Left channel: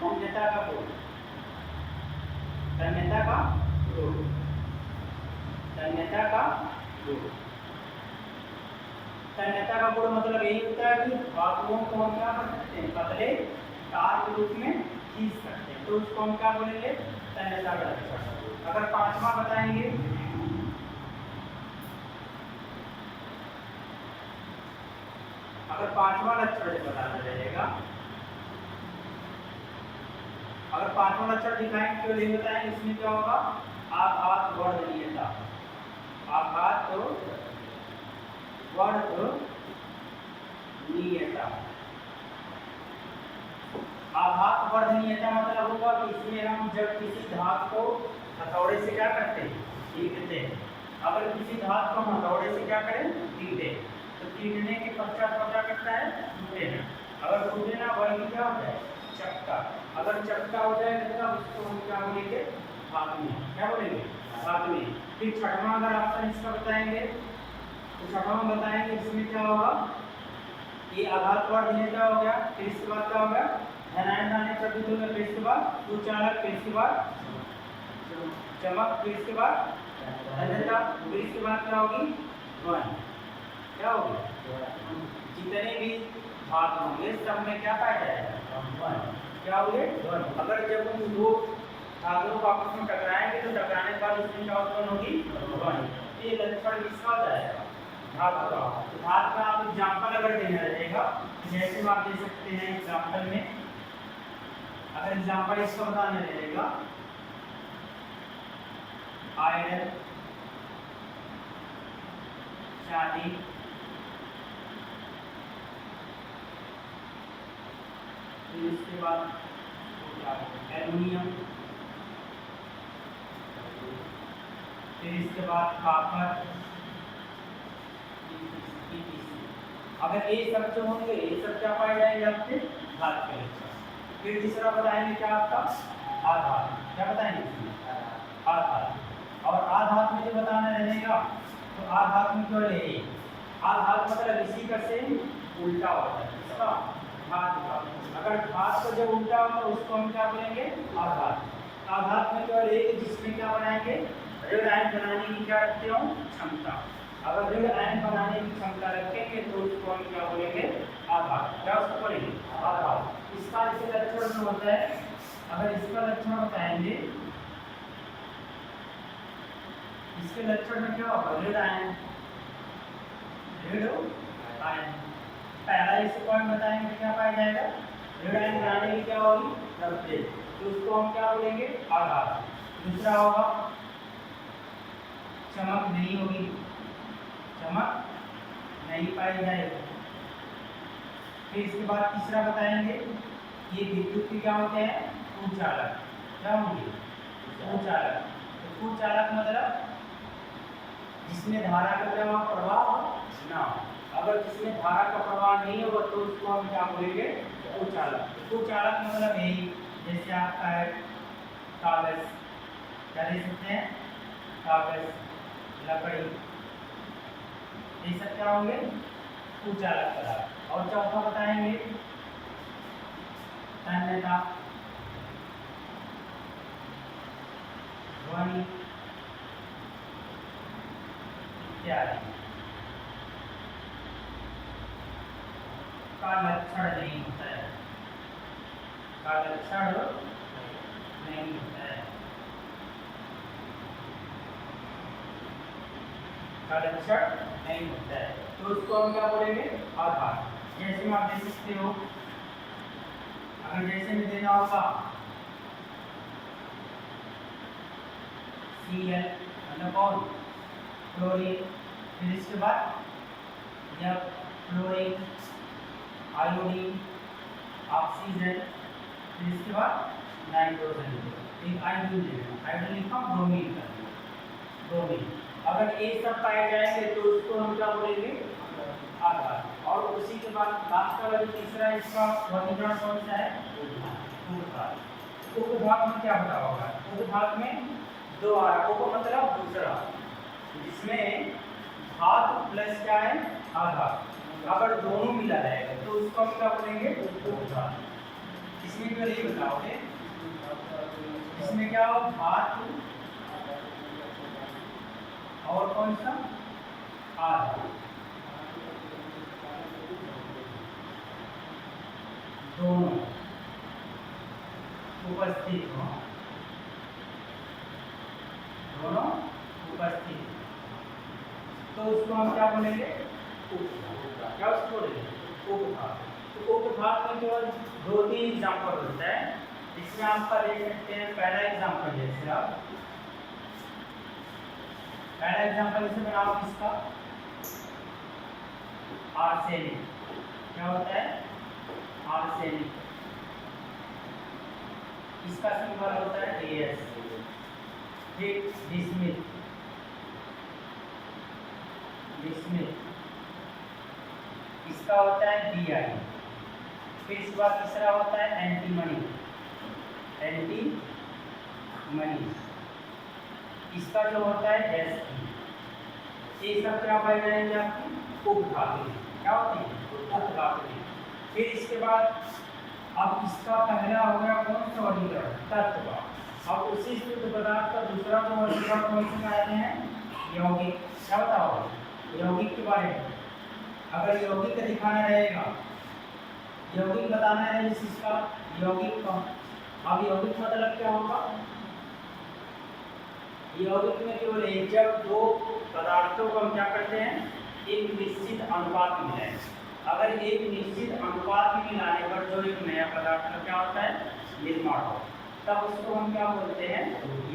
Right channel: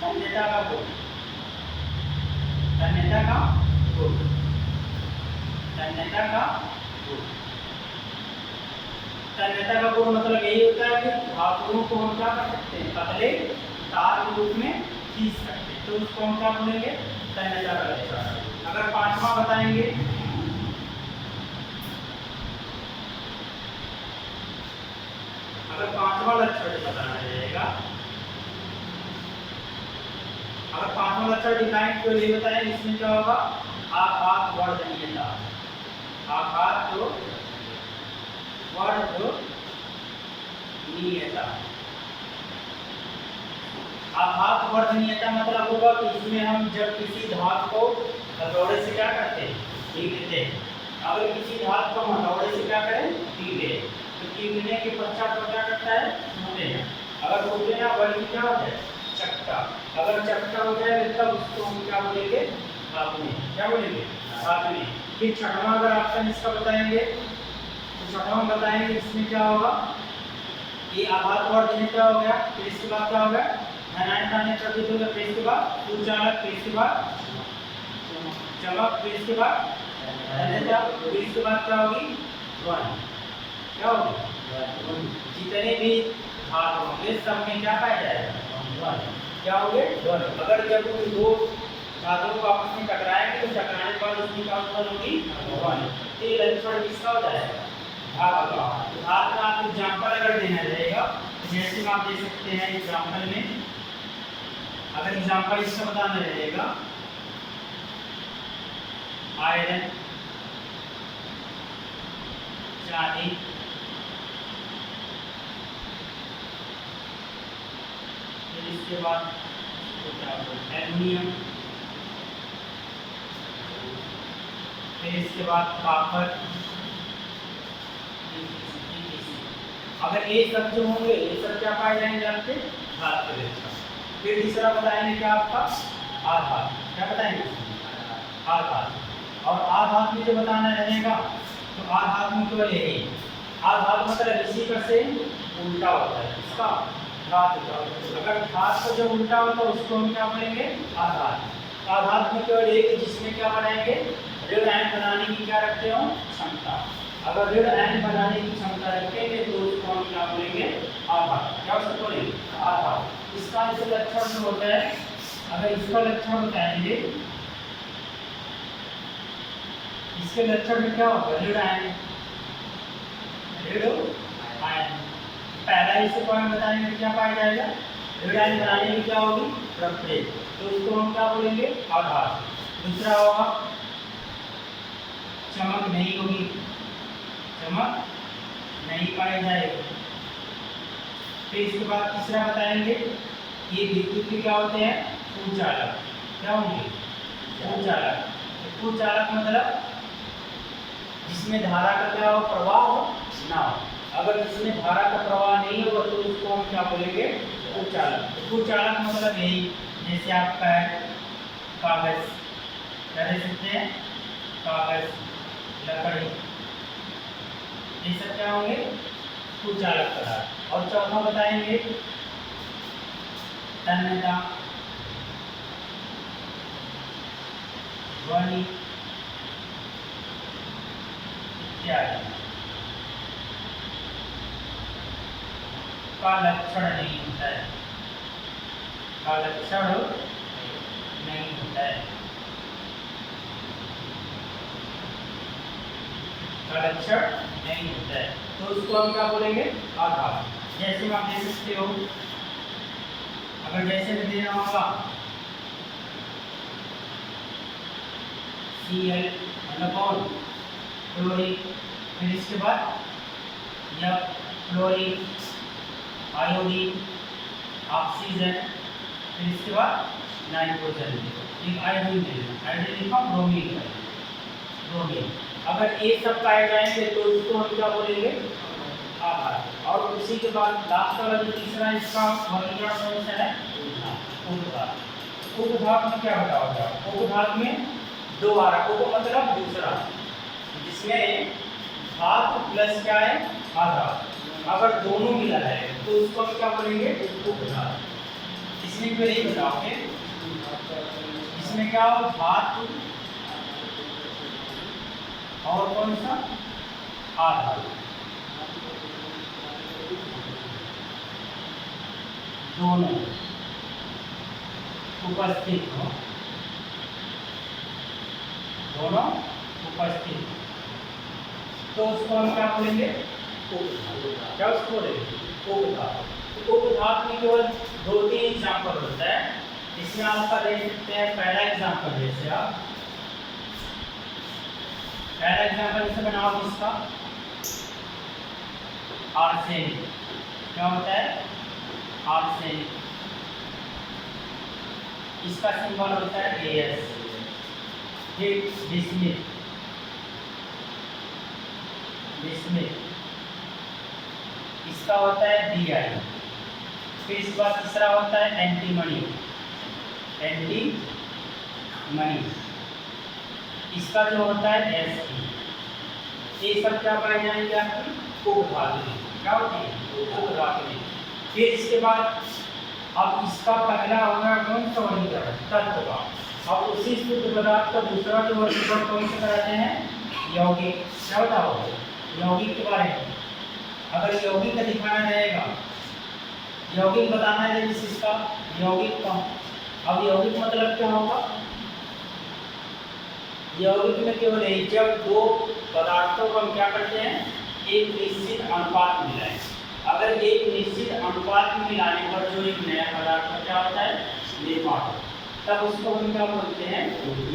तन्यता का गुण, तन्यता का गुण, तन्यता का गुण। तन्यता का गुण मतलब यही होता है कि धातुओं को हम क्या कर सकते हैं, पतले तार के रूप में खींच सकते हैं, तो उसको हम क्या बोलेंगे, तन्यता का लक्षण। अगर पांचवा बताएंगे, अगर पांचवा लक्षण बताना रहेगा, अगर पांचवा लक्षण डिफाइन क्यों नहीं बताया, इसमें क्या होगा, आघात वर्धनीयता, आघात वर्धनीयता। आघात वर्धनीयता मतलब होगा कि इसमें हम जब किसी धातु को हथौड़े से क्या करते हैं, पीटते हैं। अगर किसी धातु को हम हथौड़े से क्या करें, पीटे, तो पीटने के पश्चात क्या करता है, टूटे हैं। अगर टूटे ना बल्कि क्या हो जाए, चकटा। अगर चकटा हो जाए तब उसको हम क्या बोलेंगे, धातुएं। क्या बोलेंगे, धातुएं। फिर छठवां अगर ऑप्शन इसका बताएंगे, तो छठवां बताएंगे इसमें क्या होगा, ये आघात वर्धनीयता हो गया। फिर इसके बाद क्या होगा, धनायन आने प्रकृति होगा। फिर इसके बाद उच्चारक, फिर इसके बाद चमक, फिर इसके बाद धन्यता, फिर इसके बाद क्या होगी, ध्वनि। क्या होगी, जितने भी धातु होंगे सब में क्या पाया जाएगा, ध्वनि। क्या होंगे, ध्वनि। अगर जब उन दो धातुओं को आपस में टकराएंगे तो टकराने के बाद उसमें क्या उत्पन्न होगी, ध्वनि। ये लक्षण किसका हो जाएगा, धातु का। तो धातु का आप एग्जाम्पल अगर देना रहेगा, जैसे आप दे सकते हैं एग्जाम्पल में, अगर एग्जाम्पल इसका बताना रहेगा, आयरन, चांदी, फिर इसके बाद एल्युमिनियम, फिर इसके बाद कॉपर। अगर ये सब जो होंगे ये सब क्या पाए जाएंगे आपके, धातु के लक्षण। फिर तीसरा बताएंगे क्या आपका, आधात। क्या बताएंगे, आधात। और आधात में जो बताना रहेगा, तो आधात में क्यों है, आधात मतलब इसी का से उल्टा होता है, इसका धातु का। अगर धातु का जो उल्टा होता है उसको हम क्या बोलेंगे, आधात। आधात में केवल एक, जिसमें क्या बनाएंगे, ऋण आयन बनाने की क्या रखते हो, क्षमता। अगर ऋण आयन बनाने की क्षमता रखेंगे तो उसको हम क्या बोलेंगे, आधात। क्या उसको बोलेंगे, आधात। इसका इसे लक्षण जो होता है, अगर इसका लक्षण बताएंगे, इसके लक्षण में क्या होगा, ऋण आयन, ऋण आयन। पहला इसे पॉइंट बताएंगे क्या पाया जाएगा, ऋण आयन बनाने की क्या होगी, प्रक्रिया, तो उसको हम क्या बोलेंगे, आधात। दूसरा होगा चमक नहीं होगी, चमक नहीं पाई जाएगी। फिर इसके बाद तीसरा बताएंगे, ये विद्युत के क्या होते हैं, कुचालक। क्या होंगे, कुचालक। कुचालक मतलब जिसमें धारा का क्या हो, प्रवाह हो ना हो। अगर जिसमें धारा का प्रवाह नहीं होगा तो उसको हम क्या बोलेंगे, कुचालक। कुचालक मतलब यही, जैसे आपका है कागज, क्या दे सकते हैं, कागज, लकड़ी, ये सब क्या होंगे, कुचालक पदार्थ। और चौथा बताएंगे तन्यता, ध्वनि इत्यादि का लक्षण नहीं होता है, का लक्षण नहीं होता है, का लक्षण नहीं होता है, तो उसको हम क्या बोलेंगे, आधात। जैसे आप दे सकते हो, अगर जैसे में देना होगा Cl मतलब कौन, क्लोरीन, फिर इसके बाद यह क्लोरीन, आयोडीन, ऑक्सीजन, फिर इसके बाद नाइट्रोजन, एक आयोडीन देना, आयोडीन का ब्रोमीन कर देना, ब्रोमीन। अगर ये सब पाए जाएंगे तो उसको हम क्या बोलेंगे, आधात। और उसी के बाद लास्ट वाला जो तीसरा इसका वर्गीकरण कौन सा है, उपधातु। उपधातु में क्या बताओगे, उपधातु में दो आ रहा, उप मतलब दूसरा, जिसमें धातु प्लस क्या है, आधात। अगर दोनों मिला है तो उसको हम क्या बोलेंगे, उपधातु। इसमें केवल यही बताओगे, इसमें क्या हो, धातु और कौन सा, आधातु, दोनों उपस्थित हो, दोनों उपस्थित, तो उसको हम क्या बोलेंगे, क्या उसको बोलेंगे, उपधातु। तो उपधातु में केवल 2-3 एग्जाम्पल होता है। इसमें आपका देख सकते हैं पहला एग्जाम्पल, जैसे आप पहला एग्जाम्पल इसे बनाओ, इसका आर्सेनिक, क्या होता है, आर्सेनिक, इसका सिंबल होता है AS। फिर बिस्मिथ, बिस्मिथ, इसका होता है Bi। फिर इसके बाद तीसरा होता है एंटीमनी, एंटीमनी, इसका जो होता है Fe। ये सब क्या पाए जाएंगे, आपकी उपधातु, क्या होती है, उपधातु। फिर इसके बाद अब इसका पहला होगा कौन सा वर्गीकरण, तत्व का। अब उसी शुद्ध पदार्थ का दूसरा जो वर्गीकरण कौन सा कराते हैं, यौगिक। क्या बताओ, यौगिक के बारे में। अगर यौगिक का दिखाना रहेगा, यौगिक बताना है जिसका यौगिक का। अब यौगिक मतलब क्या होगा, यौगिक में केवल एक, जब दो पदार्थों को हम क्या करते हैं, एक निश्चित अनुपात में मिलाएं। अगर एक निश्चित अनुपात में मिलाने पर जो एक नया पदार्थ का क्या होता है, निर्माण हो, तब उसको हम क्या बोलते हैं,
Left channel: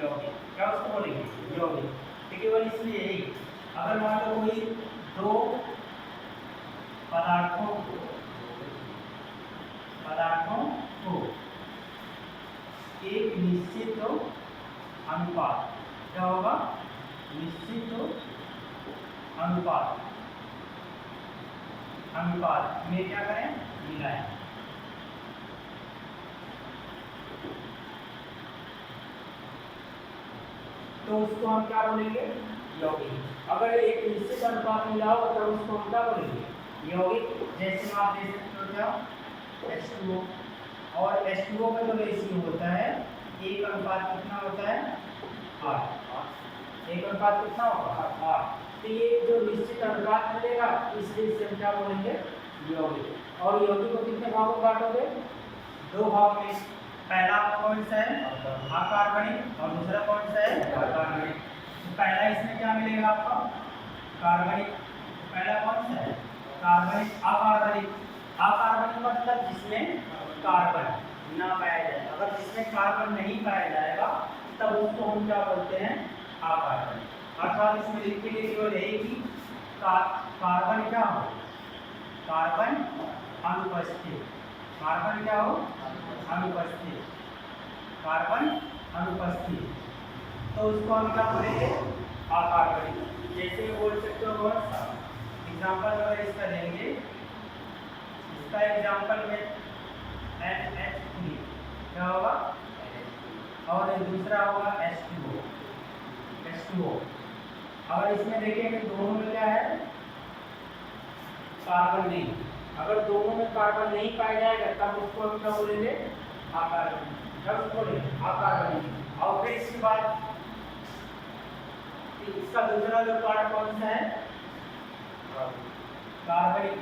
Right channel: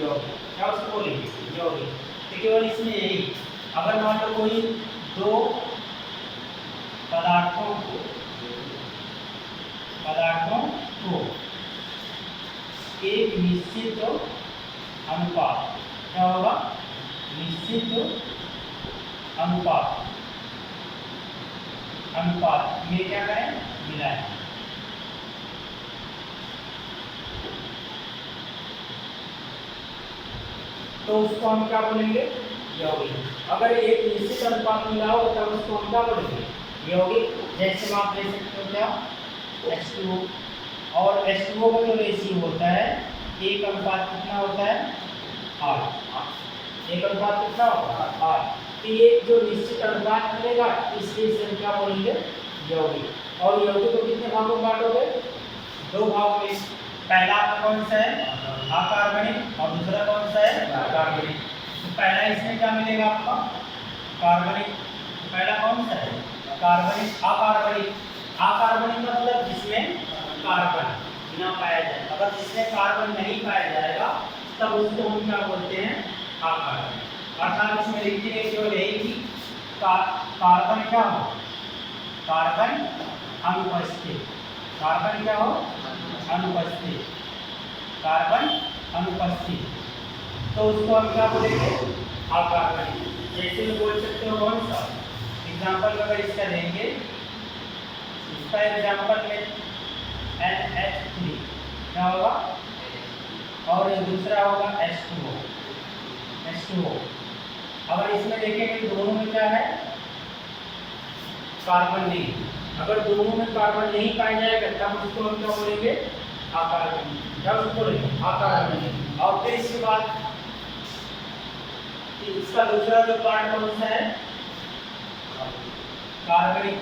यौगिक। क्या उसको बोलेंगे, यौगिक। तो केवल इसमें यही, अगर मान लो कोई दो पदार्थों को एक निश्चित अनुपात, क्या होगा, निश्चित अनुपात में क्या करें, मिलाएं। तो उसको हम क्या बोलेंगे, यौगिक। अगर एक निश्चित अनुपात मिला हो तो उसको हम क्या बोलेंगे, यौगिक। जैसे आप देख सकते हो क्या, H2O, और H2O का जो रेशियो होता है, एक अनुपात कितना होता है, 8। एक अनुपात कितना होगा, 8। तो ये जो निश्चित अनुपात मिलेगा, इसलिए इसे हम क्या बोलेंगे, यौगिक। और यौगिक को कितने भागों में बांटोगे, 2 भाग में। पहला कौन सा है, अकार्बनिक, और दूसरा कौन सा है, कार्बनिक। तो पहला इसमें क्या मिलेगा आपका, कार्बनिक। पहला कौन सा है, कार्बनिक। अकार्बनिक, अकार्बनिक मतलब जिसमें कार्बन ना पाया जाए। अगर जिसमें कार्बन नहीं पाया जाएगा तब उसको हम क्या बोलते हैं, अकार्बनिक। अर्थात इसमें लिखिए केवल यही कि कार्बन क्या हो, कार्बन अनुपस्थित, कार्बन क्या हो, अनुपस्थित, कार्बन अनुपस्थित, तो उसको हम क्या बोलेंगे, अकार्बनिक। जैसे में बोल सकते हो कौन सा एग्जाम्पल, अगर इसका लेंगे, इसका एग्जाम्पल में NH3 क्या होगा, और दूसरा होगा H2O। अगर इसमें देखेंगे दोनों में क्या है, कार्बन नहीं। अगर दोनों में कार्बन नहीं पाया जाएगा तब उसको हम क्या बोलेंगे, अकार्बनिक। क्या उसको बोलेंगे, अकार्बनिक। और फिर इसके बाद इसका दूसरा जो पार्ट कौन सा है, कार्बनिक।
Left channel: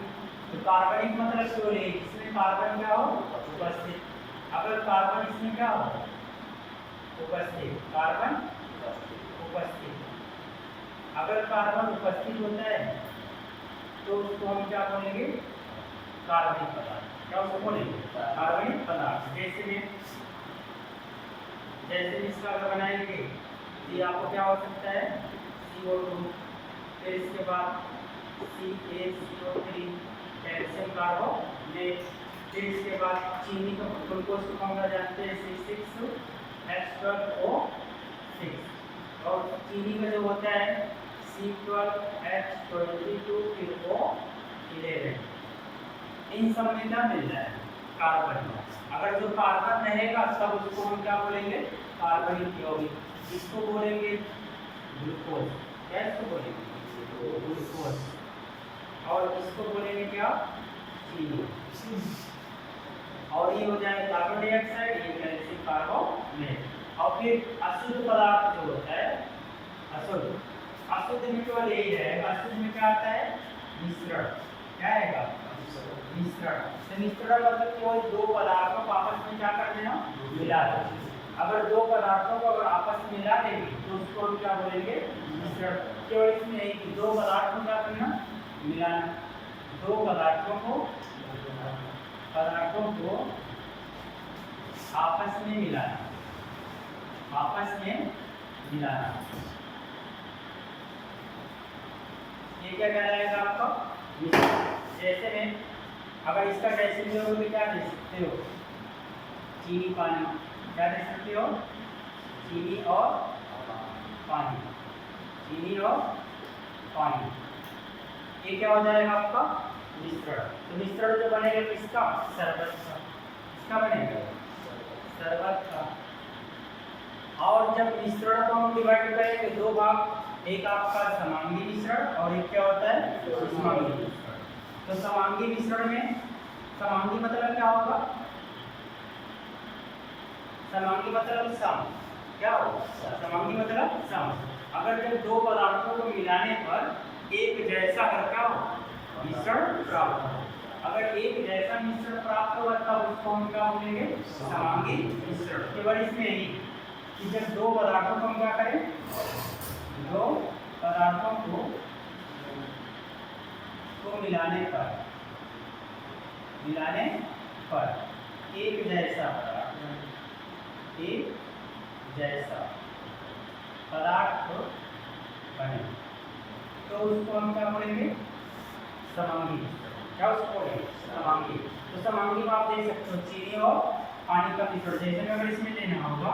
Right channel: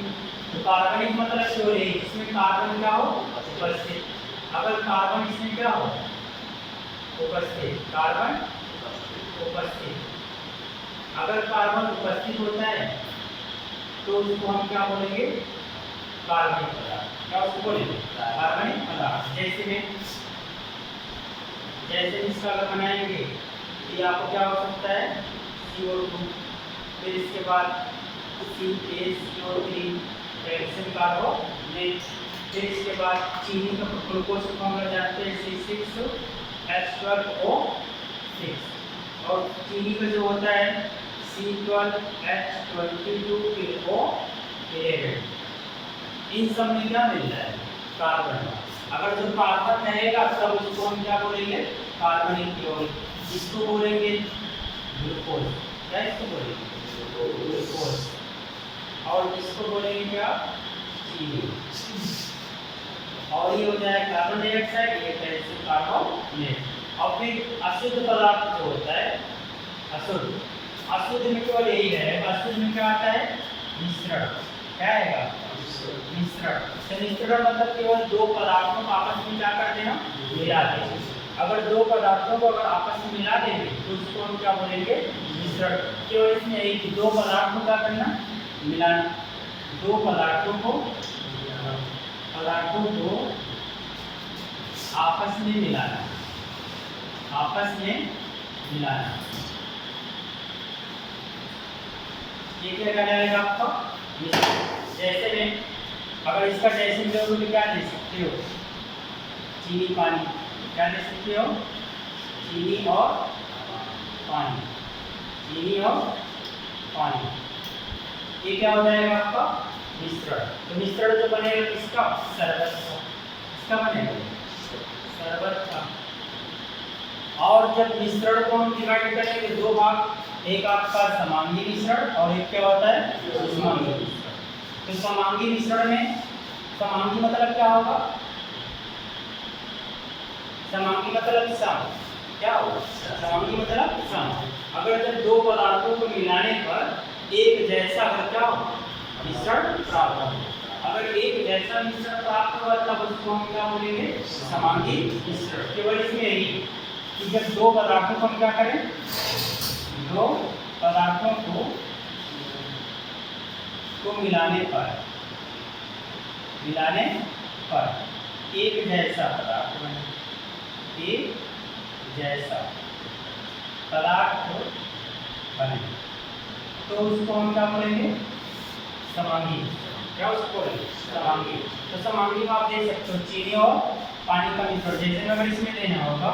तो कार्बनिक मतलब केवल एक, इसमें कार्बन क्या हो, उपस्थित। अगर कार्बन इसमें क्या हो, उपस्थित, कार्बन उपस्थित। अगर कार्बन उपस्थित होता है तो उसको हम क्या बोलेंगे, कार्बनिक पदार्थ। क्या उसको बोलेंगे, कार्बनिक पदार्थ। जैसे इसका अगर बनाएंगे, ये आपको क्या हो सकता है, CO2, फिर इसके बाद CaCO3, कैल्शियम कार्बोनेट, फिर इसके बाद चीनी का ग्लूकोज का फॉर्मूला जानते हैं, C6H12O6, और चीनी का जो होता है C12H22O11। इन सब में क्या मिल रहा है, कार्बन। अगर जो कार्बन रहेगा तब उसको हम क्या बोलेंगे, कार्बनिक यौगिक। इसको बोलेंगे ग्लूकोज। क्या इसको बोलेंगे, ग्लूकोज। और इसको बोलेंगे क्या, चीनी। और ये हो जाए कार्बन डाइऑक्साइड, ये कैल्शियम कार्बोनेट। और फिर अशुद्ध पदार्थ जो होता है अशुद्ध में केवल यही रहेगा। अशुद्ध में क्या आता है? मिश्रण। क्या आएगा? मिश्रण। तो मिश्रण मतलब केवल दो पदार्थों को आपस में क्या कर देना? मिला देना। अगर दो पदार्थों को अगर आपस में मिला देंगे तो उसको हम क्या बोलेंगे? मिश्रण। केवल इसमें यही कि दो पदार्थों का करना मिलाना, दो पदार्थों को आपस में मिलाना, ये क्या कहलाएगा आपका? मिश्रण। जैसे में अगर इसका ड्रेसिंग दोगे तो क्या दे सकते हो? चीनी पानी। क्या दे सकते हो? चीनी और पानी। ये क्या हो जाएगा आपका? मिश्रण। तो मिश्रण जो बनेगा किसका? शरबत का। किसका बनेगा? शरबत का। और जब मिश्रण को हम डिवाइड करेंगे दो भाग, एक आपका समांगी मिश्रण और एक क्या होता है? समांगी मिश्रण। तो समांगी मिश्रण में समांगी मतलब क्या होगा? समांगी मतलब सम। क्या होगा? समांगी मतलब सम। अगर जब दो पदार्थों को मिलाने पर एक जैसा क्या हो? मिश्रण प्राप्त हो। अगर एक जैसा मिश्रण प्राप्त होगा तब उसको हम क्या बोलेंगे? समांगी मिश्रण। केवल इसमें यही कि जब दो पदार्थों को हम क्या करें? दो पदार्थों को मिलाने पर एक जैसा पदार्थ बने तो उसको हम क्या बोलेंगे? समांगी। क्या उसको बोलेंगे? समांगी। तो समांगी में आप दे सकते हो चीनी और पानी का मिश्रण। जैसे अगर इसमें लेना होगा